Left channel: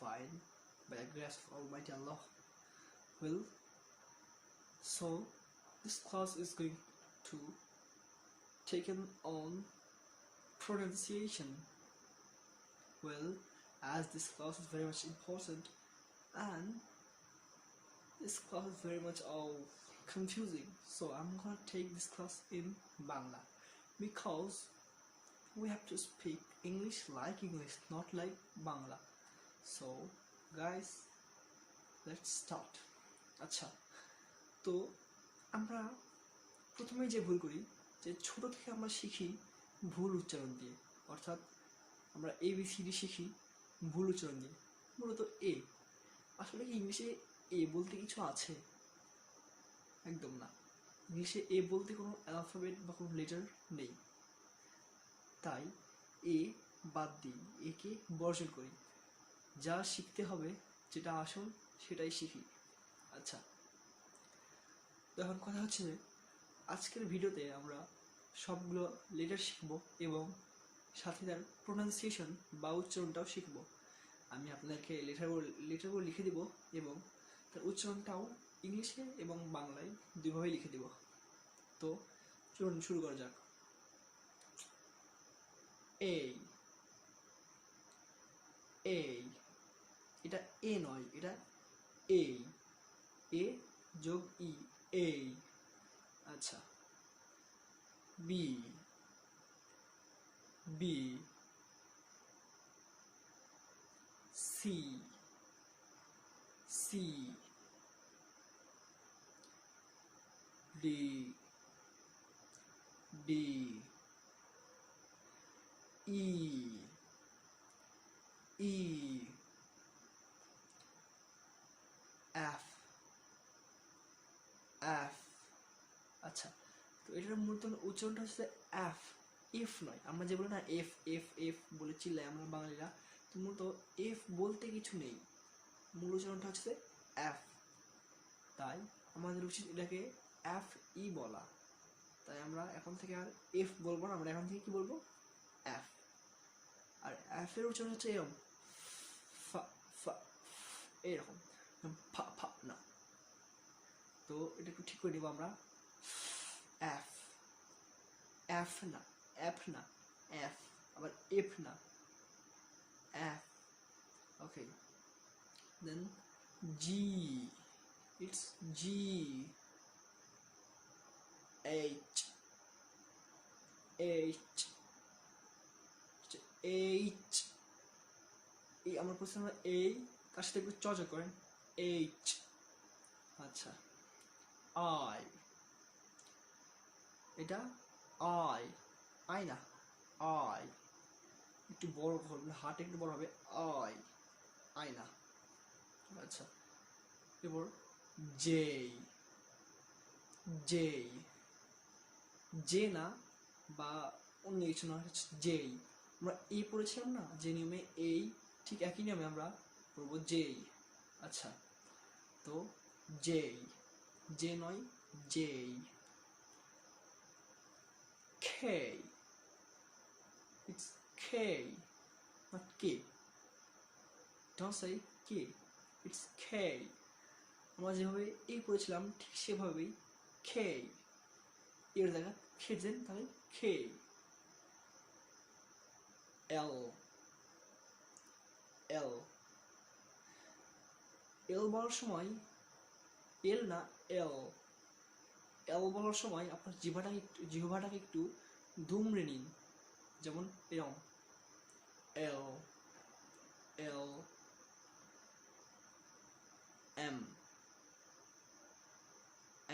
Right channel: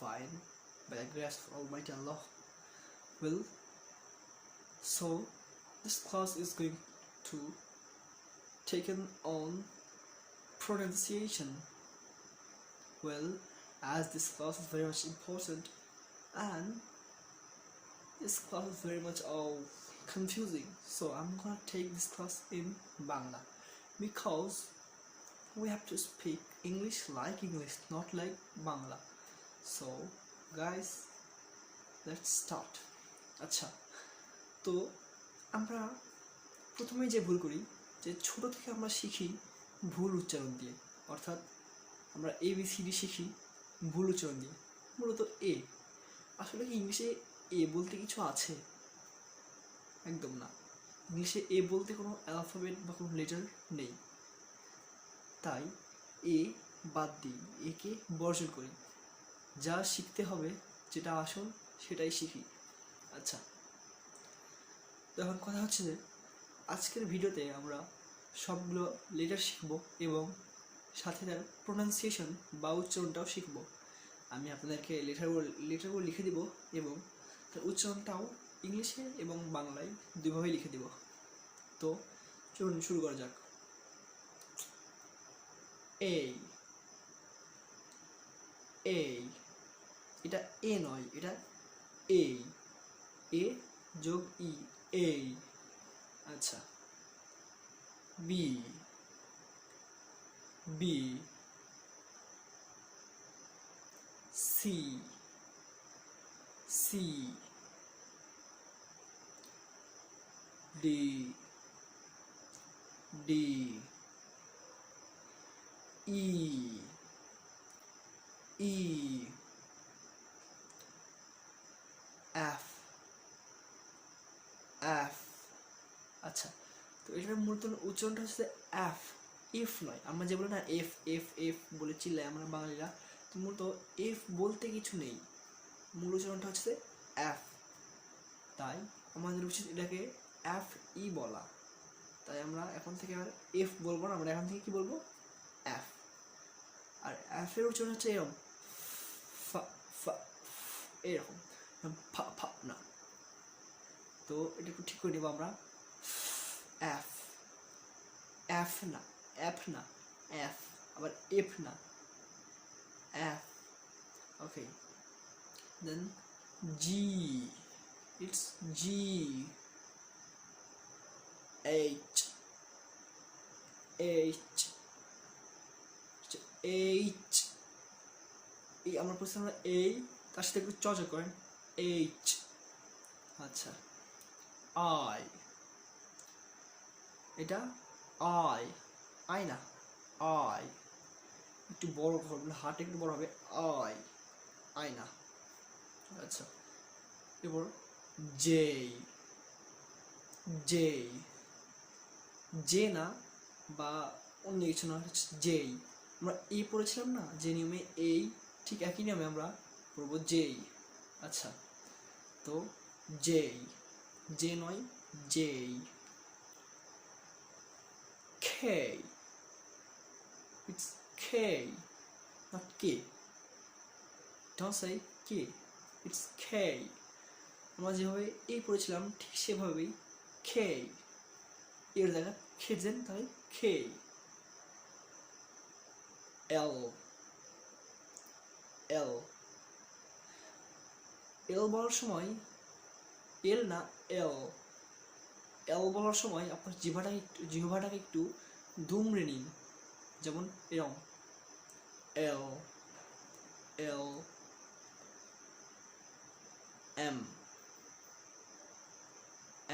fine by the grace of Almighty Allah. Well, so this class is going to taken on pronunciation. Well, as this class is very much important and this class is very much confusing, so I'm gonna take this class in Bangla because we have to speak English like English, not like Bangla. So guys, let's start. আচ্ছা, তো আমরা প্রথমে যে ভুল করি যে ছোট থেকে আমরা শিখি ভুল উচ্চারণ দিয়ে, অর্থাৎ আমরা ABCD শিখি ভুল উচ্চারণ দিয়ে। মূলত এ, আসলে কি ইংলিশে এ বলতে কিছু আছে? একদম না। ইংলিশে এ বলতে কোনো অ্যালফাবেট বা কোনো লেটার নেই, তাই এ বাদ দিই, একে বর্জন করি। যা শিখতে হবে, যেটা আসল সেটাই শিখি। আচ্ছা, তো এখন কথা হচ্ছে যে আজকের ভিডিওতে আমরা সবগুলো লেটার শিখব এবং সাথে তার প্রোনাউন্সিয়েশন বা উচ্চারণটাও শিখব। আমি আপনাদেরকে লেটারগুলো লিখে দিব এবং তার উচ্চারণটাও ইংলিশে এবং বাংলায় দুইভাবেই লিখে দিব। তো চলুন শুরু করা যাক। এই, এই, এটা এ নয়, এটা এই, এ যোগ ই, এই। আচ্ছা, B, B, C, C, D, D, E, E, F, F. আচ্ছা, তো এটার মূলত উচ্চারণটা হচ্ছে এফ, ইফ নয়। আমরা যে বলি না এফ এফ এফ বলে চিল্লাই আমরা বাঙালিরা, তো মূলত এফ বলতে কিছু নেই, মূল উচ্চারণটা হচ্ছে এফ। তাই আমাদের উচিত এটাকে এফ ই বলা। তাই আমরা এখন থেকে আর এফ বলবো না, আমরা এখন থেকে কি বলবো? এফ। আর এফ এর উচ্চারণ হচ্ছে এরকম, ফা ফা, এরকম, ফা ফা না। তো এটা একটু ঠিক করে নেবো আমরা। এফ, এফ না, এফ না, এফ। আবার এফ না, F. Okay, then G, it's G, H, H, H. এই আমরা প্রথমে আমরা এই, তার সাথে একটু চর্চা করেন, এইচ। আচ্ছা, আই, এটা আই, আই না, আই। একটু বড় হবে, হাট একটু বড় হবে, আই, আই না। আচ্ছা, এবার জে, জে, জে না বা অন্য কিছু না, জেই। আমরা এই পড়েছিলাম না যে নিয়মে এই, ঠিক একই নিয়মে আমরা পড়বো জেই। আচ্ছা, তো জেই, জে নয়, J. K, it's K, not K. Don't say K, it's K. আমরা যেভাবে এই পড়েছিলাম ঠিক সেভাবেই কে, এর জায়গা খেয়েছেন, তাই কে। এল, এল, এল বলার সময় এল না, এল। এল বলার সময় আপনার জিহ্বাটাকে একটু দুমড়ে নিন, যেমন এরম, এল, এল, এম,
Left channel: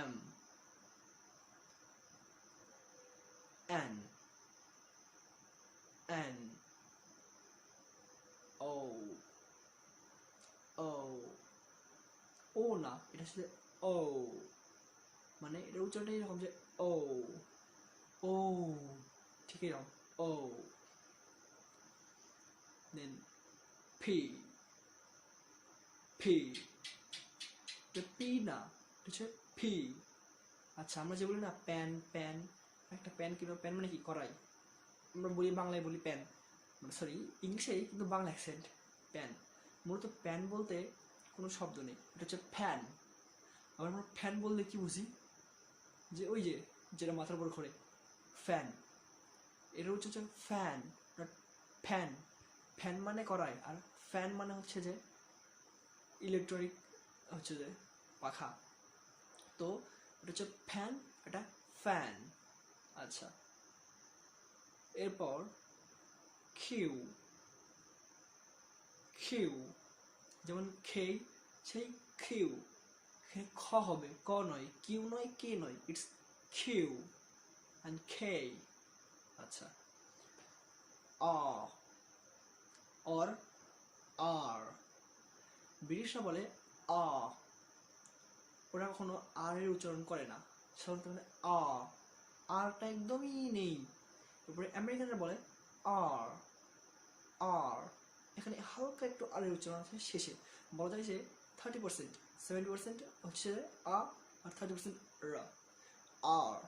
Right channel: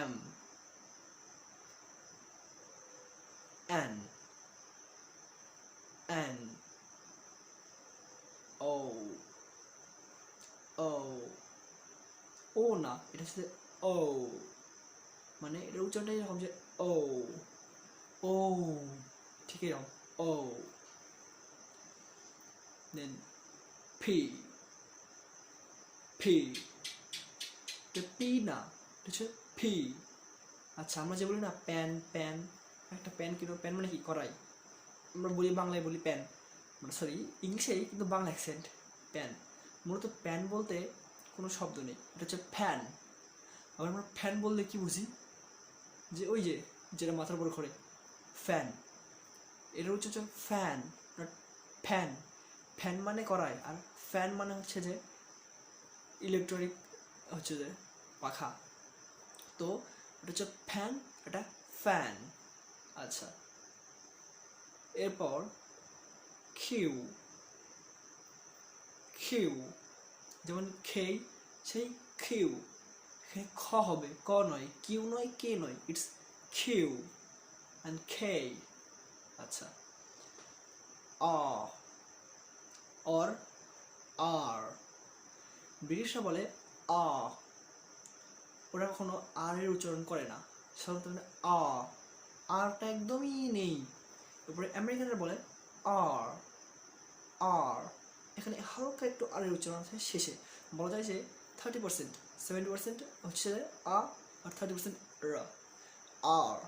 এম, এন, এন, ও, ও, ও না, এটা হচ্ছে ও, মানে এটা উচ্চারণটা এরকম যে ও, ও, ঠিক এরকম ও। দেন পি, পি, এটা পি না, এটা হচ্ছে পি। আচ্ছা, আমরা যে বলি না প্যান, প্যান, একটা প্যান কিনো, প্যান মানে কি করাই, আমরা বলি বাংলায় বলি প্যান, সরি ইংলিশেই কিন্তু বাংলা অ্যাকসেন্ট প্যান। মূলত প্যান বলতে কোনো শব্দ নেই, এটা হচ্ছে ফ্যান। আবার আমরা ফ্যান বললে কি বুঝি, যে ওই যে যেটা মাথার উপর ঘোরে ফ্যান, এটা হচ্ছে ফ্যান, ফ্যান। ফ্যান মানে করায়, আর ফ্যান মানে হচ্ছে যে ইলেকট্রনিক হচ্ছে যে পাখা। তো এটা হচ্ছে ফ্যান, এটা ফ্যান। আচ্ছা, এরপর কিউ। কিউ যেমন খেই, সেই কিউ, এখানে খ হবে, ক নয়, কিউ নয়, কে নয়, ইটস কিউ অ্যান্ড কে। আচ্ছা, অর আর, ব্রিটিশরা বলে আ, ওরা কখনো আর এর উচ্চারণ করে না, সাধারণত আরটা একদমই নেই। এরপরে আমেরিকানরা বলে আর, আর, এখানে হালকা একটু আর এর উচ্চারণ আছে শেষে, বলা যায় যে 30%, 70% হচ্ছে আ, আর 30% র, আর।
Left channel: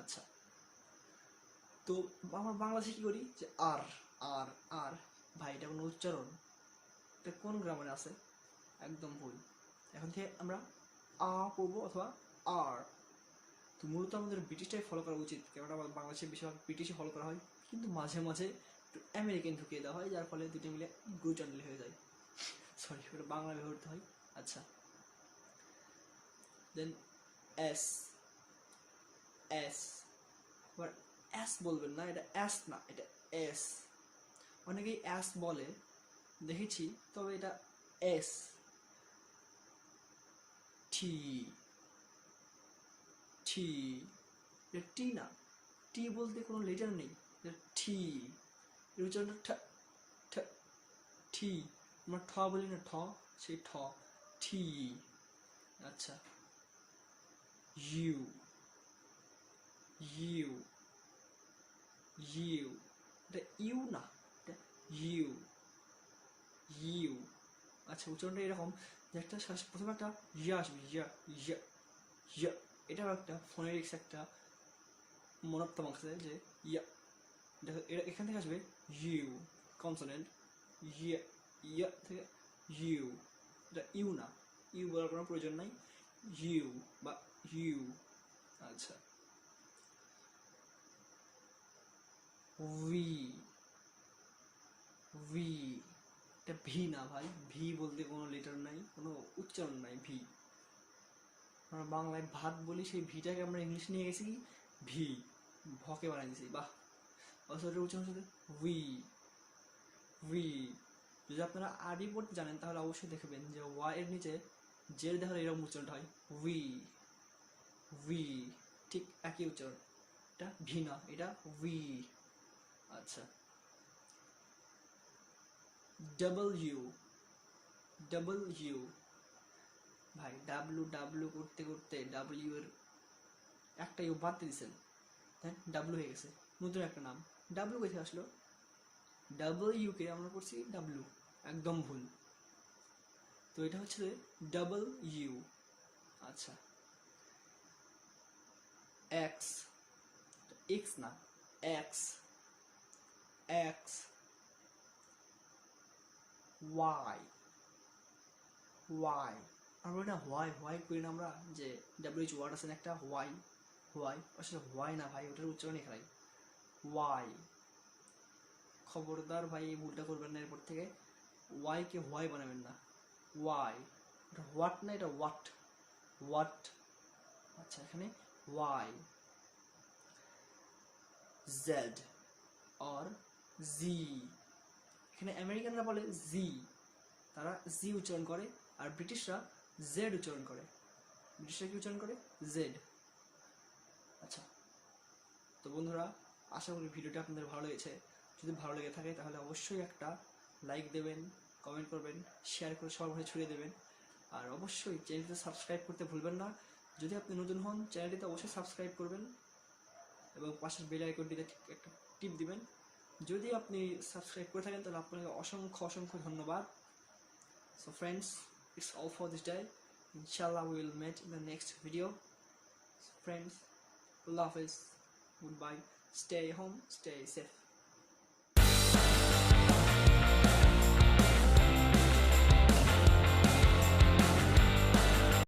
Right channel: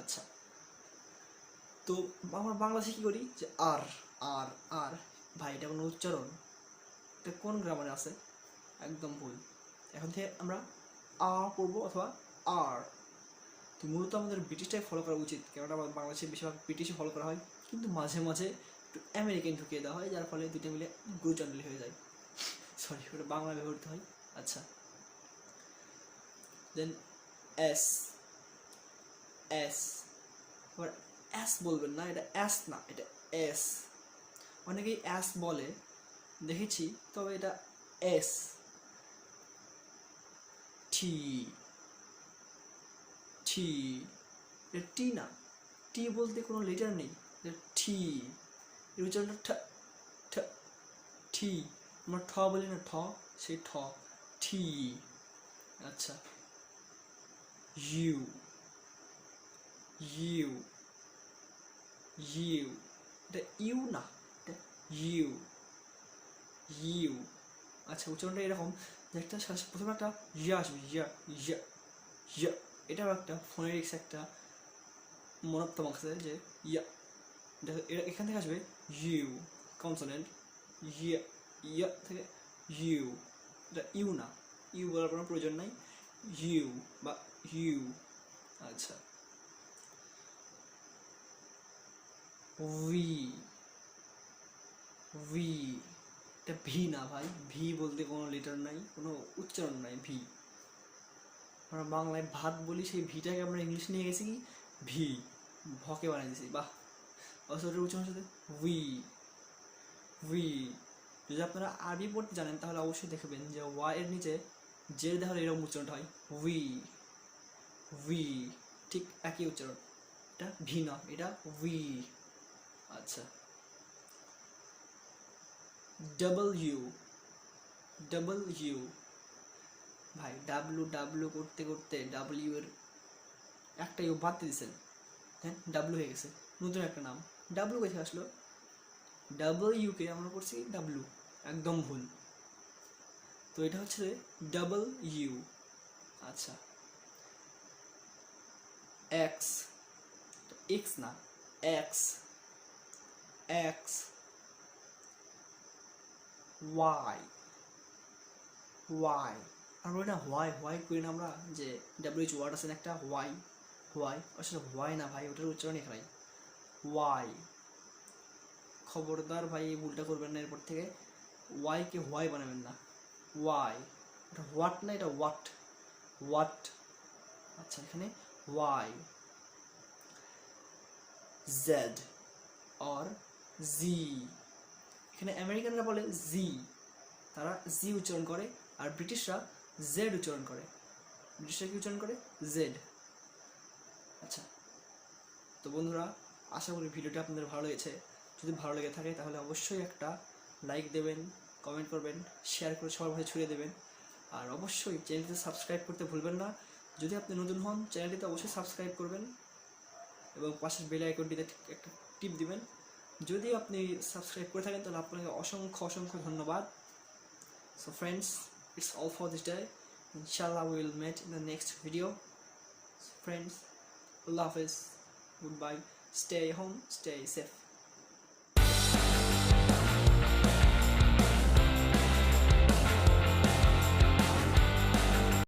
আচ্ছা, তো আমরা বাংলাদেশে কী করি, যে আর আর আর, ভাই এটা কোনো উচ্চারণ, এটা কোন গ্রামারে আছে, একদম ভুল। এখন থেকে আমরা আ পড়বো অথবা আর। তো মূলত আমাদের ব্রিটিশটাই ফলো করা উচিত, কেননা বাংলাদেশে বেশিরভাগ ব্রিটিশই ফলো করা হয়, কিন্তু মাঝে মাঝে একটু আমেরিকান ঢুকিয়ে দেওয়া হয়, যার ফলে দুটো মিলে গুরু চ্যানেল হয়ে যায়। সরি, ওটা বাংলা ব্যবহৃত হয়। আচ্ছা, দেন এস। এস, আবার এস বলবেন না, এটা এস না, এটা এস। অনেকেই এস বলে দেখেছি, তবে এটা এস। টি, টি, এটা টি না, টি বলতে কোনো লেটার নেই, এটা টি, এর উচ্চারণটা ঠ, টি। আমরা ঠ বলি না, ঠ, সেই ঠ, টি। আচ্ছা, ইউ, ইউ, ইউ, এটা ইউ না, এটা ইউ, ইউ। আচ্ছা, উচ্চারণটা এরকম যে একটা প্রথমে একটা ইয়া আসবে, ইয়া, ইয়া, ইয়া, এটাও একটা ফোনেটিক্স, একটা মনোত্তম আছে যে ইয়া, এখান থেকে আসবে ইউ কনসোনেন্ট, ইয়া, ইয়া থেকে ইউ, এটা ইউ না, ইউ বলার কোনো প্রয়োজন নাই, ইউ বা ইউ। আচ্ছা, ভি, ভি, এটা ভি না ভাই, ভি বলতে কোনো লেটার নাই, কোনো উচ্চারণ নাই, ভি। আমরা বাংলায় ভাত বলি, সেই ভিটাকে আমরা ইংলিশ নিয়ে গেছি কি ভি, ভকে বানিয়ে দিয়েছি, বাহ। অথচ উচ্চারণ হচ্ছে উই, উই। যদি আপনারা আরবি পড়তে জানেন তাহলে অবশ্যই দেখবেন যে ওয়াই এর নিচে যে দেখা এরকম উচ্চারণটা হয়, উই, উই, ঠিক একই উচ্চারণ, এটা ভি না, এটা উই। আচ্ছা, ডাবল ইউ, ডাবল ইউ, ভাই ডাব্লু ডাব্লু করতে করতে ডাব্লিউ এর একটা ইউ বাদ দিয়ে দিয়েছেন, হ্যাঁ, ডাব্লু হয়ে গেছে, নতুন একটা নাম। ডাব্লু কোথায় আসলো, ডাবল ইউকে আমরা করছি ডাব্লু, একদম ভুল। তো এটা হচ্ছে ডাবল ইউ। আচ্ছা, এক্স, এক্স না, এক্স, এক্স, ওয়াই, ওয়াই, আর বলি না হোয়াই, হোয়াই করি না আমরা, যে ডাব্লিউএইচ ওয়ার্ড আছে না একটা, হোয়াই, হোয়াই, আসলে হোয়াই না ভাই, ওটার উচ্চারণ এখানে ওয়াই। খবরদার ভাই এই ভুলটা করবেন না এরপর থেকে, ওয়াইকে হোয়াই বানাবেন না, ওয়াই, এটা হোয়াট না, এটা ওয়াট, ওয়াট। আচ্ছা, এখানে ওয়াই, জেড আর জি, এখানে আমেরিকানরা বলে জি, তারা জি উচ্চারণ করে, আর ব্রিটিশরা জেড উচ্চারণ করে, ব্রিটিশরা কি উচ্চারণ করে, জেড। আচ্ছা, তো বন্ধুরা, আশা করি ভিডিওটা আপনাদের ভালো লেগেছে। যদি ভালো লেগে থাকে তাহলে অবশ্যই একটা লাইক দেবেন, কমেন্ট করবেন, শেয়ার করে সবার ভাই ছড়িয়ে দেবেন, আর অবশ্যই চ্যানেলটিতে সাবস্ক্রাইব করতে ভুলবেন না। যদি আপনি নতুন হন চ্যানেলটিতে অবশ্যই সাবস্ক্রাইব করবেন এবং পাশের বেল আইকনটিতে একটা টিপ দিবেন। যদি আপনি সাবস্ক্রাইব করে থাকেন তাহলে আপনাকে অসংখ্য অসংখ্য ধন্যবাদ। So friends, it's all for this day. In Sha Allah we will meet in the next video. So friends, Allah Hafiz, goodbye, stay home, stay safe.